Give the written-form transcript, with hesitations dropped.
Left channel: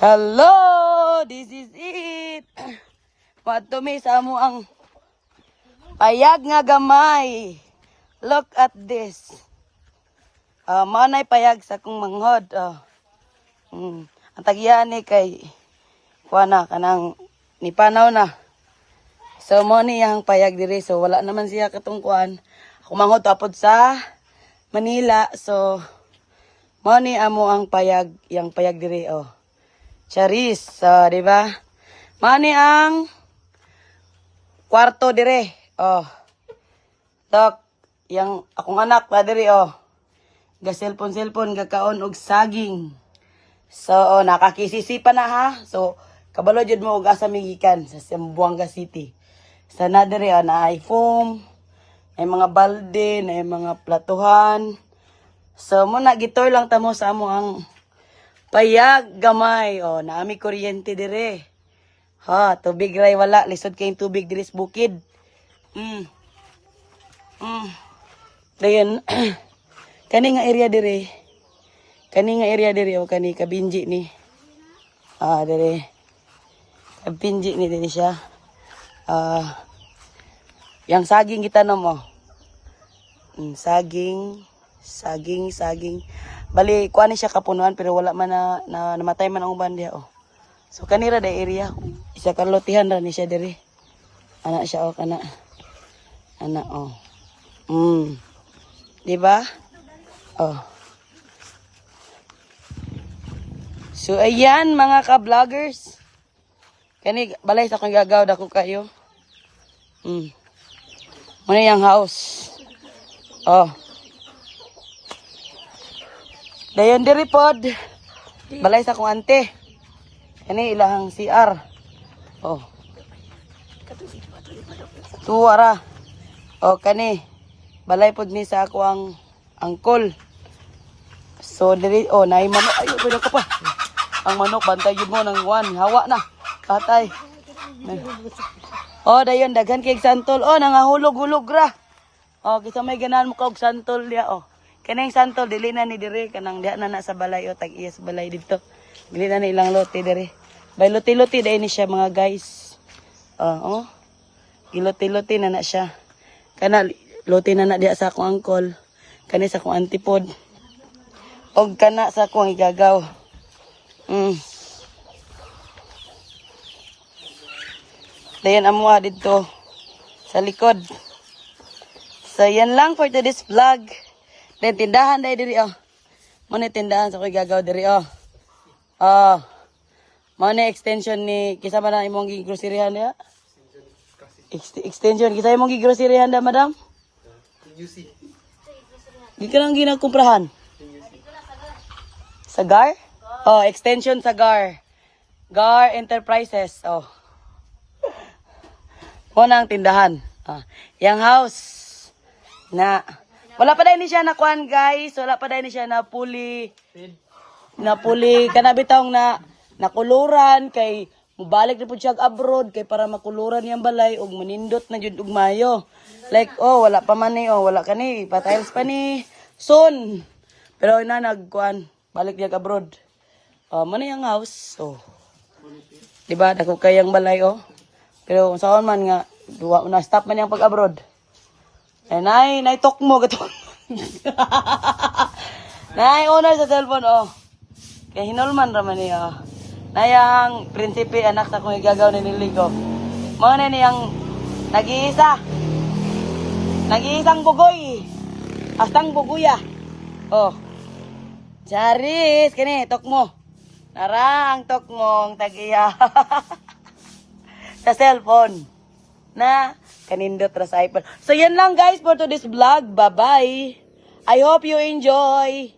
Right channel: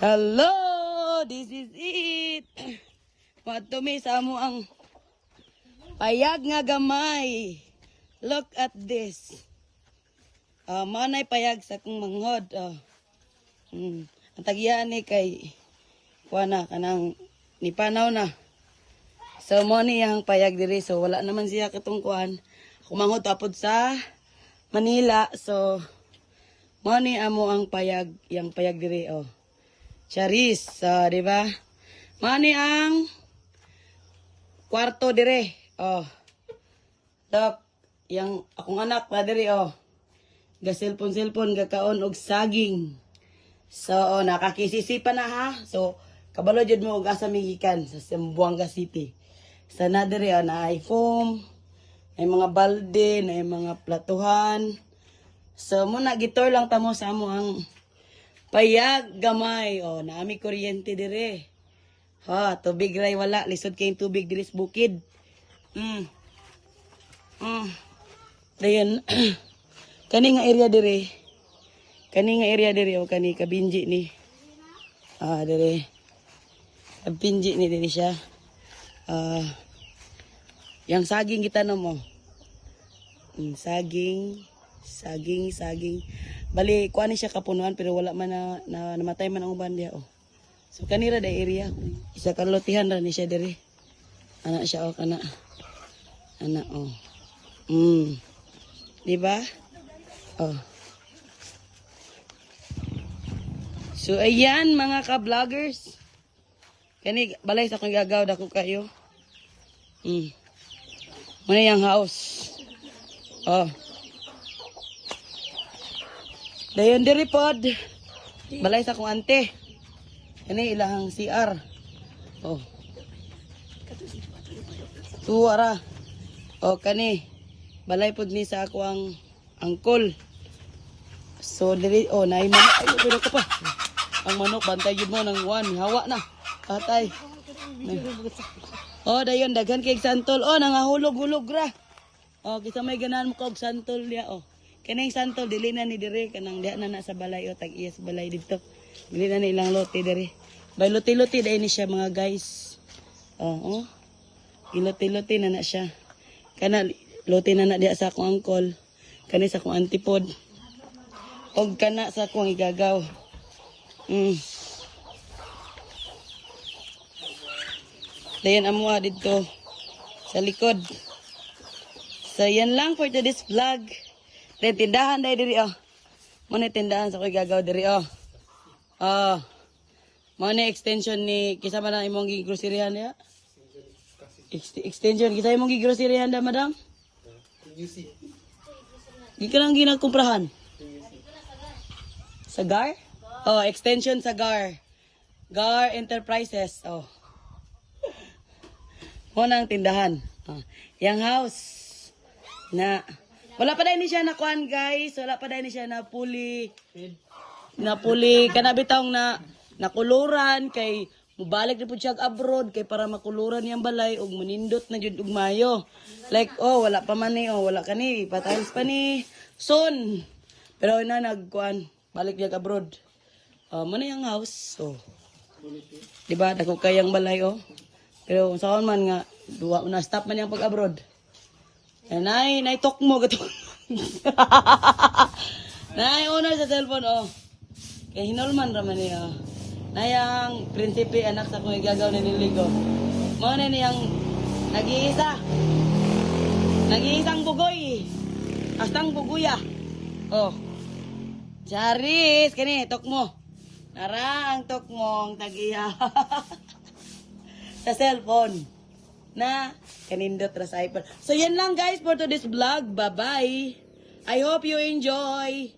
Hello! This is it! Matumi sa mo ang payag nga gamay. Look at this. Manay payag sa kong manghod. Ang tagyan ni kay kuana kanang nipanaw na. So mo ni ang payag diri. So wala naman siya katong kuan. Ako manghod tapod sa Manila. So mo ni amo ang payag, yang payag diri Charis, di ba? Mani ang kwarto dire. Tak yang akong anak pa dire Ga cellphone gakaon og saging. So nakakisisipa na ha. So kabalo jud mo og asa migikan sa Zamboanga City. Sana dire na ay foam, ay mga balde, na ay mga platuhan. So muna gitour lang tamo sa amo ang payag gamay. Naami kuryente dire. Tubig ray wala. Lisod kayong tubig dire sa bukid. Dayon. Kani nga area dire. Kani nga area dire kani kabinji ni. Dire. Kabinji ni dire siya. Yang saging kita mo. Saging. Bali, kuha ni siya kapunuan pero wala man na namatay man ang uban diya So kanira da area, isa ka lotihan ra ni siya diri. Anak siya kana. Anak Di ba? So ayan mga ka-vloggers. Kani balay sa kong gagaw dako kayo. Muna yang house. Dayon diri pod. Balay sa kong ante. Kani ilahang CR. Tuwara. Kani balay pod ni sa ako ang angkol. So diri naay manok ayo pwede ka pa. Ang manok bantay jud mo nang hawa na. Patay. Dayon daghan kay santol. Nangahulog-hulog ra. Kisa may ganahan mo ka og santol dia Kanang santol dili na ni dire kanang diha na sa balay tag-iyas balay dito. Dili na ni ilang lote dire. Bay lote-lote dai ni siya mga guys. Ilote-lote na siya. Kana lote na diha sa akong angkol. Kani sa akong antipod. Og kana sa akong igagaw. Dayan amuha dito sa likod. So yan lang for today's vlog. Then tindahan dai diri Muna tindahan sa ko'y gagaw diri Muna extension ni kisa ba na imong gigroceryhan niya? Extension kisa imong gigroceryhan da madam? Gikan ang ginagkumprahan. Sa GAR? Extension sa GAR. GAR Enterprises. Muna ang tindahan. Yang house na wala pa dahil ni siya na kuhan guys. Wala pa dahil ni siya na puli. Kanabitang na nakuluran. Kay mubalik na po siya abroad. Kay para makuluran niyang balay. Og manindot na jud og mayo. Like wala pa man ni. Wala ka ni. Patiles pa ni. Soon. Pero na nagkuhan. Balik niya abroad. Muna yung house. Diba? Dako kayang balay Pero saan man nga. Na-stop man yung pag-abroad. Nay tok mo gato. Nay owner sa cellphone Kay hinulman ra man niya. Nayang prinsipe anak sa kong igagaw ni Niligo. Mo na niyang nag-iisa. Nag-iisang bugoy. Astang buguya. Charis kini tok mo. Nara ang tok mong tagiya. Sa cellphone. Na kanindot ra sa iPhone. So yan lang guys for today's vlog. Bye-bye. I hope you enjoy.